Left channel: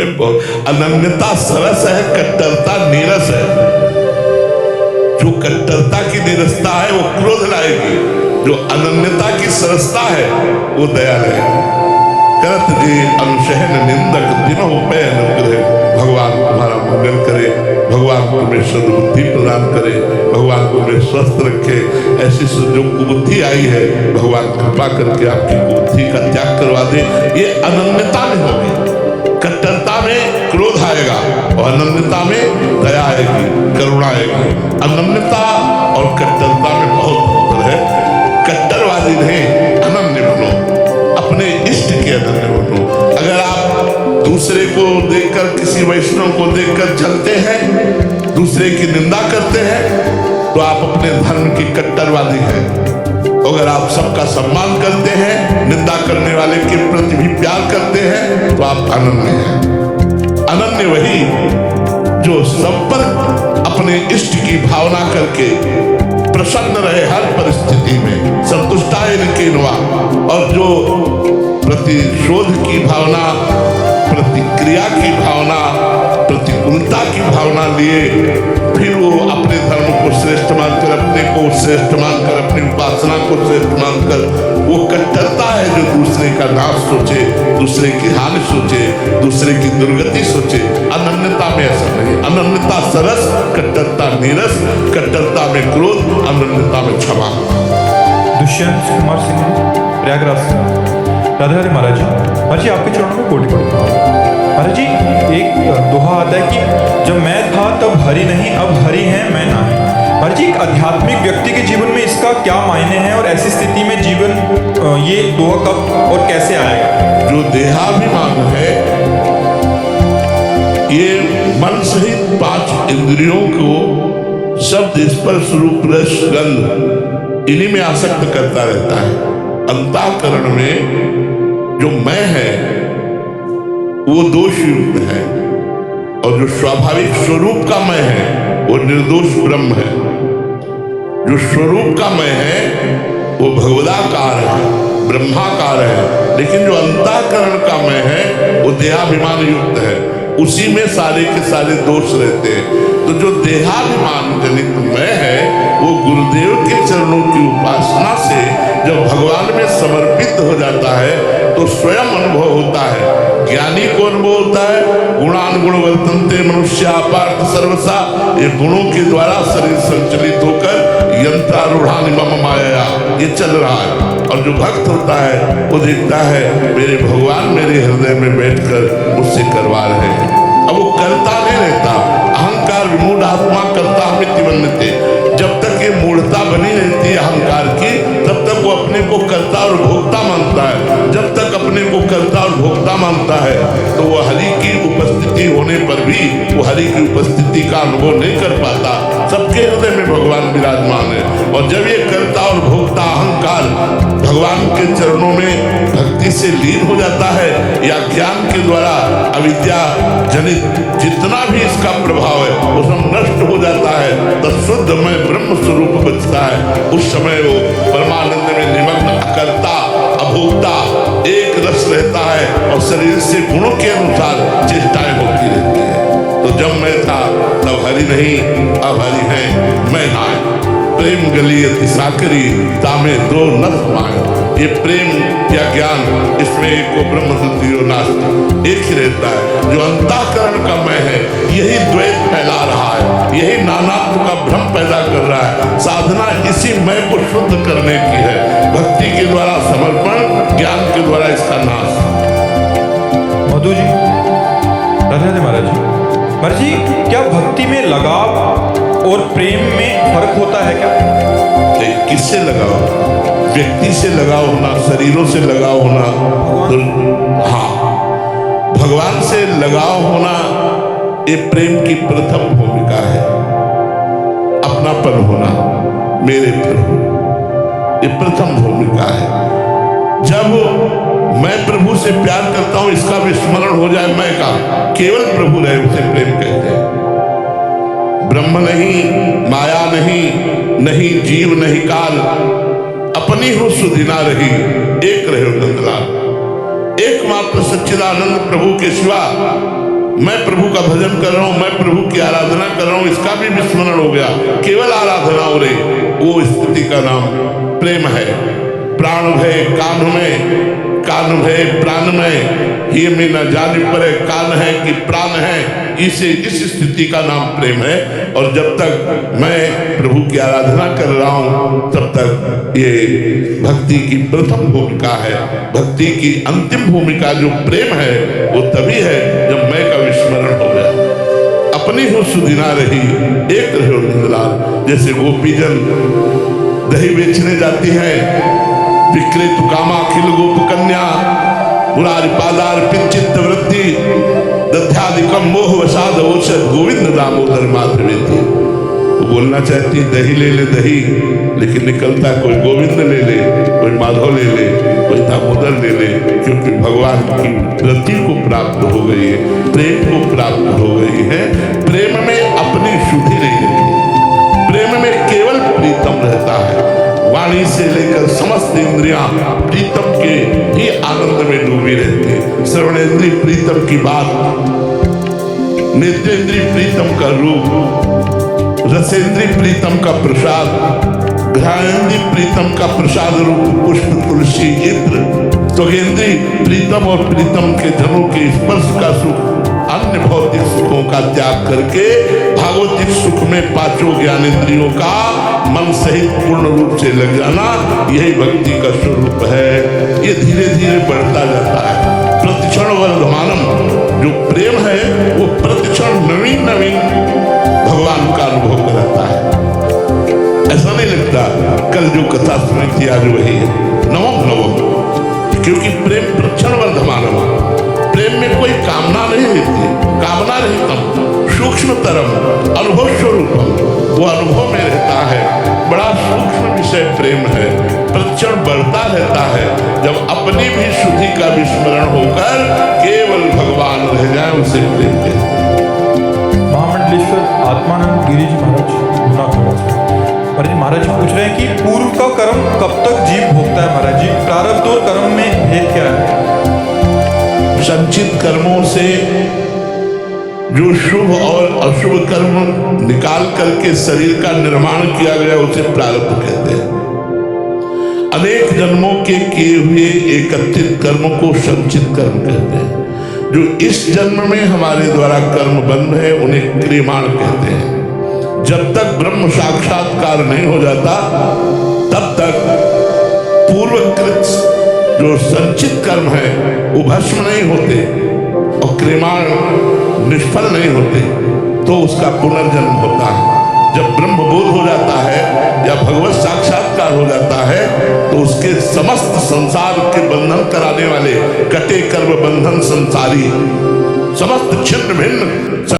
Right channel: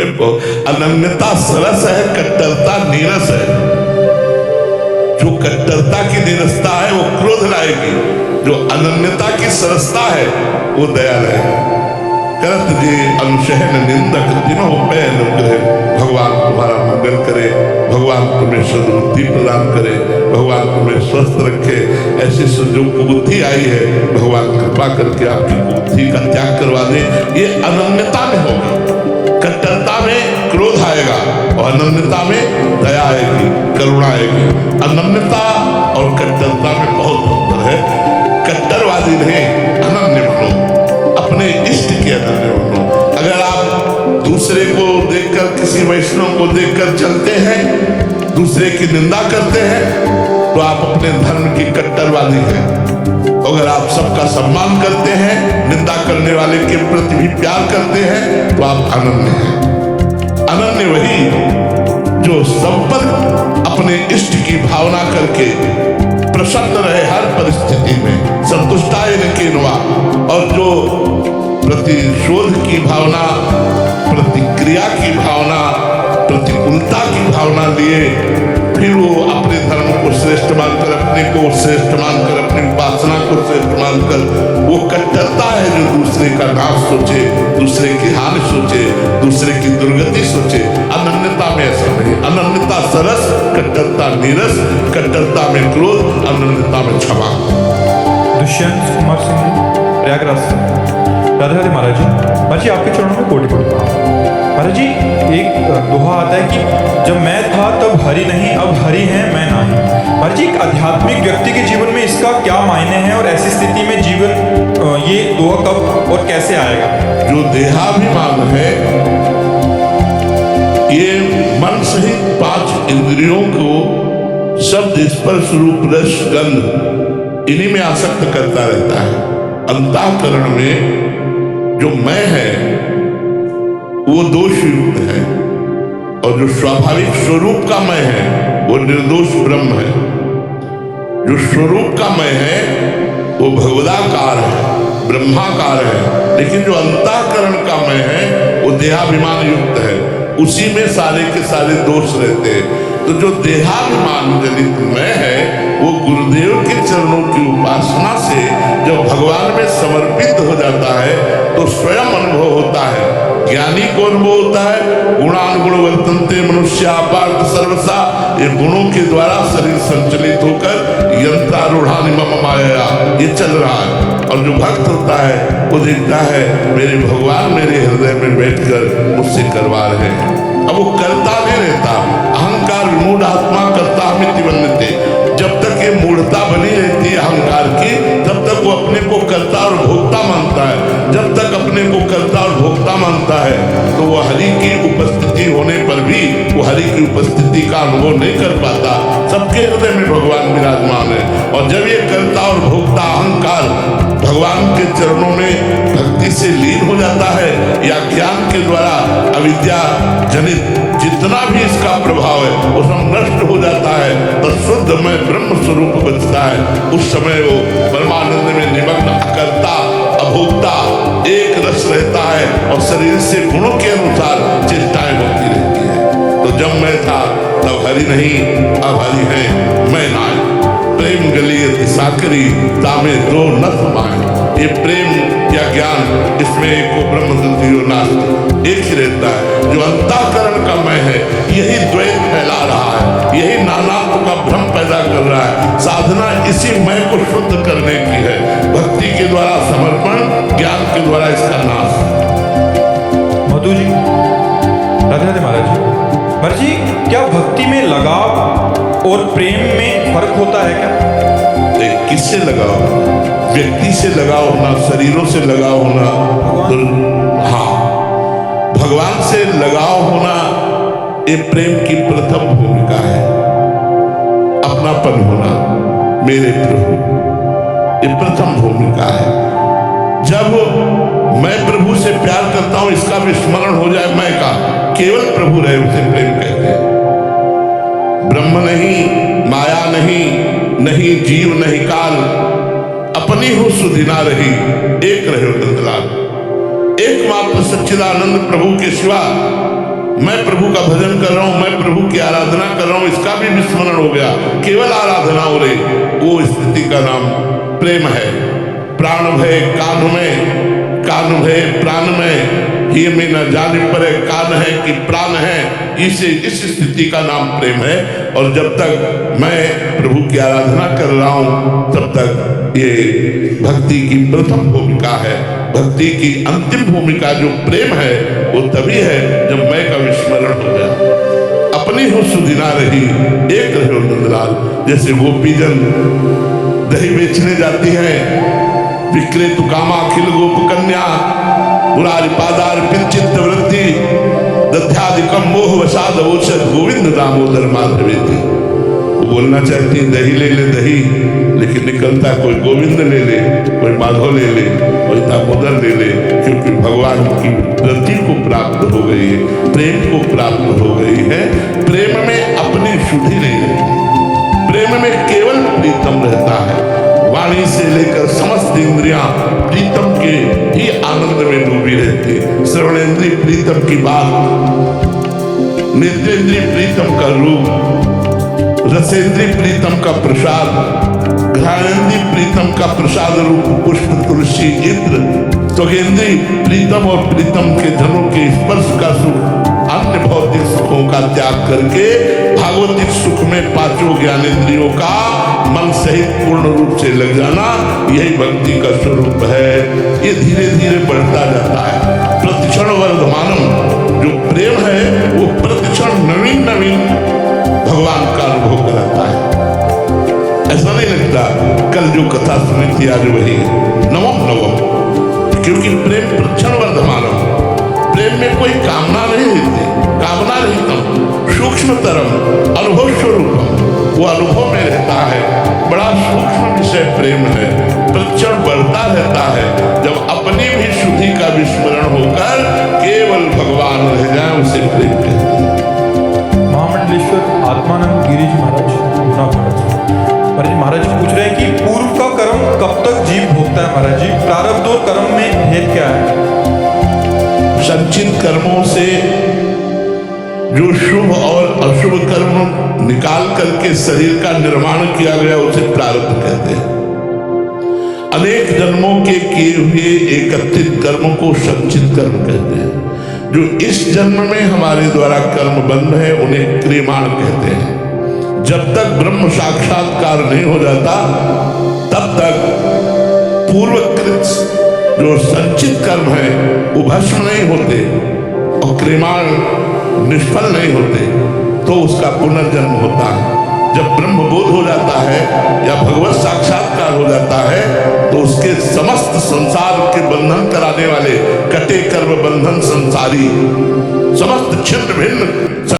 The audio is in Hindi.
अनन्यता सरस है, कट्टरता नीरस है। जो कट्टरता की नीरसता है वो क्रोध लाएगी, जो अनन्यता की सरसता है वो दया लाएगी। करत जे अनुशहन निंदक दिनों पे अनुग्रह। भगवान तुम्हारा मंगल करे, भगवान तुम्हें सद्बुद्धि प्रदान करे, भगवान तुम्हें स्वस्थ रखे। ऐसी जो कुबुद्धि आई है भगवान कृपा करके आपकी कुबुद्धि का त्याग करवा दे। ये अनन्यता में होगी, कट्टरता में क्रोध आएगा और अनन्यता में दया आएगी, करुणा आएगी। अनन्यता और कट्टरता में बहुत अंतर है। कट्टरवादी नहीं, अनन्य बनो, अपने इष्ट के अनन्य बनो। अगर आप दूसरे को देखकर, किसी वैष्णव को देखकर चलते हैं, दूसरे की निंदा करते हैं, तो आप अपने धर्म की कट्टरवादी हैं। अगर आप सबका सम्मान करते हैं, निंदा करने वाले के प्रति भी प्यार करते हैं, तो आप अनन्य हैं। अनन्य वही जो संपर्क अपने इष्ट की भावना करके प्रसन्न रहे हर परिस्थिति में, संतुष्टाय न केनवा, और जो प्रतिशोध की भावना, प्रतिक्रिया की भावना, प्रतिकूलता की भावना लिए फिर वो अपने धर्म को श्रेष्ठ मानकर, अपने को श्रेष्ठ मानकर, अपनी उपासना को श्रेष्ठ मानकर, वो कट्टरता है जो दूसरे का नाश सोचे, दूसरे की हानि सोचे, दूसरे की दुर्गति सोचे। अनन्यता में ऐसा नहीं। अनन्यता सरस, कट्टरता नीरस, कट्टरता में क्रोध, अनन्यता में क्षमा। दुष्यंत कुमार सिंह जी, प्रयागराज से। राधे राधे महाराज जी। महाराज जी आपके चरणों में कोटि कोटि प्रणाम। महाराज जी एक दोहा आता है कि जब मैं था तब हरि नहीं, अब हरि है मैं नहीं। महाराज जी एक आध्यात्मिक व्यक्ति के जीवन में इसका क्या मायने हैं और ऐसी स्थिति में जीवन ये दोहा कब और कैसे आएगा? जो देहाभिमान है ये मन सहित 5 इंद्रियों को शब्द, स्पर्श, रूप, रस, गंध इन्हीं में आसक्त करता रहता है। अंतःकरण में जो मैं है वो दोष युक्त है, और जो स्वाभाविक स्वरूप का मैं है वो निर्दोष ब्रह्म है। जो स्वरूप का मैं है वो भगवदाकार है, ब्रह्माकार है। लेकिन जो अंतःकरण का मैं है वो देहाभिमान युक्त है, उसी में सारे के सारे दोष रहते हैं। तो जो देहाभिमान जनित मैं है वो गुरुदेव के चरणों की उपासना से जब भगवान में समर्पित हो जाता है तो स्वयं अनुभव होता है। ज्ञानी को अनुभव होता है, गुणानुगुण वर्तन्ते मनुष्या पार्थ सर्वसा, ये गुणों के द्वारा शरीर संचलित होकर यंत्रारूढ़ानि मम माया, ये चल रहा है। और जो भक्त होता है वो देखता है मेरे भगवान मेरे हृदय में बैठकर मुझसे करवा रहे हैं। अब वो करता नहीं रहता। अहंकार विमूढ़ आत्मा करता हमिति वन्यते। जब तक ये मूढ़ता बनी रहती है अहंकार की, तब तक वो अपने को कर्ता और भोक्ता मानता है। जब तक अपने को कर्ता और भोक्ता मानता है तो वो हरि की उपस्थिति होने पर भी वो हरि की उपस्थिति का अनुभव नहीं कर पाता। सबके हृदय में भगवान विराजमान है। और जब ये कर्ता और भोक्ता अहंकार भगवान के चरणों में भक्ति से लीन हो जाता है या ज्ञान के द्वारा अविद्या जनित जितना भी इसका प्रभाव है वो सब नष्ट हो जाता है, तो शुद्ध में ब्रह्म स्वरूप बचता है। उस समय वो परमानंद में निमग्न, अकर्ता अभोक्ता एक रस रहता है और शरीर से गुणों के अनुसार चेष्टाएं होती रहती है। तो जब मैं था तब हरि नहीं, अब हरि है मैं नाय। प्रेम गलियत साकरी तामे दो न समाए। ये प्रेम या ज्ञान, इसमें एक को ब्रह्म द्वितीयो नास्ति, एक ही रहता है। जो अंतःकरण का मैं है यही द्वैत फैला रहा है, यही नानात्व का भ्रम पैदा कर रहा है। साधना इसी मैं को शुद्ध करने की है, भक्ति के द्वारा समर्पण, ज्ञान के द्वारा इसका नाश। मधु जी, राधे राधे महाराज जी। महाराज जी क्या भक्ति में लगाव और प्रेम में फर्क होता है क्या? किससे लगाव? व्यक्ति से लगाव होना, शरीरों से लगाव होना, तो हाँ, भगवान से लगाव होना ये प्रेम की प्रथम भूमिका है। अपनापन होना, मेरे प्रभु, ये प्रथम भूमिका है। जब मैं प्रभु से प्यार करता हूं, इसका विस्मरण हो जाए मैं का, केवल प्रभु रहे उसे प्रेम कहते हैं। ब्रह्म नहीं, माया नहीं, नहीं जीव नहीं काल, अपनी हो सुधिना रही, एक रहे नंदलाल। एकमात्र सच्चिदानंद प्रभु के सिवा मैं प्रभु का भजन कर रहा हूं, मैं प्रभु की आराधना कर रहा हूं, इसका भी विस्मरण हो गया, केवल आराधना हो रही, वो स्थिति का नाम प्रेम है। प्राण भय कान में, कान भय प्राण में, ये में न जाने पर कान है कि प्राण है, इस स्थिति का नाम प्रेम है। और जब तक मैं प्रभु की आराधना कर रहा हूं तब तक ये भक्ति की प्रथम भूमिका है। भक्ति की अंतिम भूमिका जो प्रेम है वो तभी है जब मैं का विस्मरण हो गया। अपनी हो सुदिना रही एक रहो नंदलाल। जैसे गोपीजन दही बेचने जाती है, विक्रेतु कामा अखिल गोप कन्या मुरारी पादार पिंचित वृत्ति दध्यादिकम मोह वसाद ओषध गोविंद दामोदर माधवेति। वो बोलना चाहती दही ले ले दही, लेकिन निकलता कोई गोविंद ले ले, कोई माधव ले ले, कोई दामोदर ले ले, क्योंकि भगवान की रति को प्राप्त हो गई है, प्रेम को प्राप्त हो गई है। प्रेम में अपनी शुद्धि नहीं रहती, प्रेम में केवल प्रीतम रहता है। वाणी से लेकर समस्त इंद्रियां प्रीतम के ही आनंद में डूबी रहती है। श्रवणेन्द्रिय प्रीतम की बात, नेत्रेंद्रिय प्रीतम का रूप, रसेंद्रिय प्रीतम का प्रसाद, घ्राणेन्द्रिय प्रीतम का प्रसाद रूप पुष्प तुलसी इत्र, त्वगेन्द्रिय प्रीतम और प्रीतम के जनों के स्पर्श का सुख, अन्य भौतिक सुखों का त्याग करके भागवतिक सुख में पांचों ज्ञानेंद्रियों का मन सहित पूर्ण रूप से लग जाना, यही भक्ति का स्वरूप है। ये धीरे धीरे बढ़ता जाता है। प्रतिक्षण वर्धमानम, जो प्रेम है वो प्रतिक्षण नवीन नवीन भगवान का अनुभव कराता है। ऐसा नहीं लगता कल जो कथा सुनी थी आज वही है, नवम नवम, क्योंकि प्रेम प्रतिक्षण वर्धमानम। प्रेम में कोई कामना नहीं रहती, कामना रहितम सूक्ष्मतरम अनुभव स्वरूपम, वो अनुभव में रहता है। बड़ा सूक्ष्म विषय प्रेम है, प्रतिक्षण बढ़ता रहता है। जब अपनी भी शुद्धि का विस्मरण होकर केवल भगवान रह जाए उसे प्रेम कहते हैं। महामंडलेश्वर आत्मानंद गिरी जी महाराज जूनागढ़ से महाराज जी पूछ रहे हैं कि पूर्व का कर्म कब तक जीव भोगता है महाराज जी, प्रारब्ध और कर्म में भेद क्या है? संचित कर्मों से जो शुभ और अशुभ कर्म निकाल करके शरीर का निर्माण किया गया उसे प्रारब्ध कहते हैं। अनेक जन्मों के किए हुए एकत्रित कर्म को संचित कर्म कहते हैं। जो इस जन्म में हमारे द्वारा कर्म बंध है उन्हें क्रियमाण कहते हैं। जब तक ब्रह्म साक्षात्कार नहीं हो जाता तब तक पूर्वकृत जो संचित कर्म है वो भस्म नहीं होते और क्रियमाण निष्फल नहीं होते, तो उसका पुनर्जन्म होता है। जब ब्रह्म बोध हो जाता है या भगवत साक्षात्कार हो जाता है तो उसके समस्त संसार के बंधन कराने वाले कटे कर्म बंधन संसारी समस्त छिन्न भिन्न